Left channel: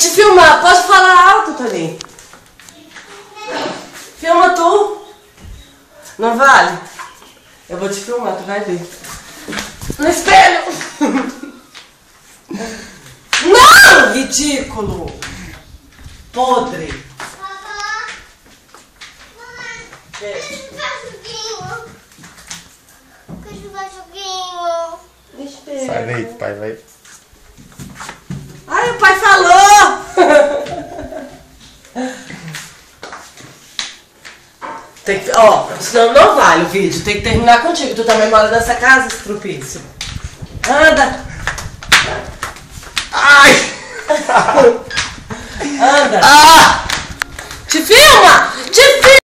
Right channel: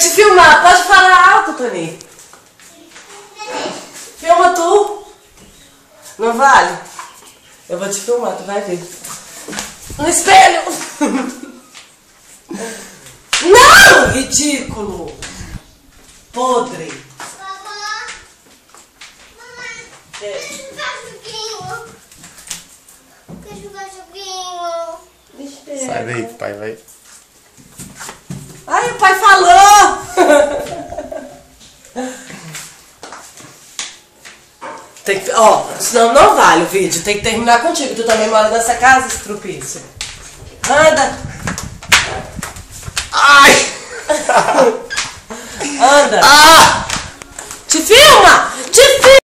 te filmar. Pode falar alto, Toninho. Filma tu. Não vale? Eu vou te filmar, tu vai ver. No espelho. Não, ridículo. Podre. Sai daí, pai, vai. Ai, o pai falou! Tem que, ó, senão não vale o vídeo. Tem que terminar contigo. Tu também mora nessa casa, estrupício. Anda! Ai! Anda! Ah!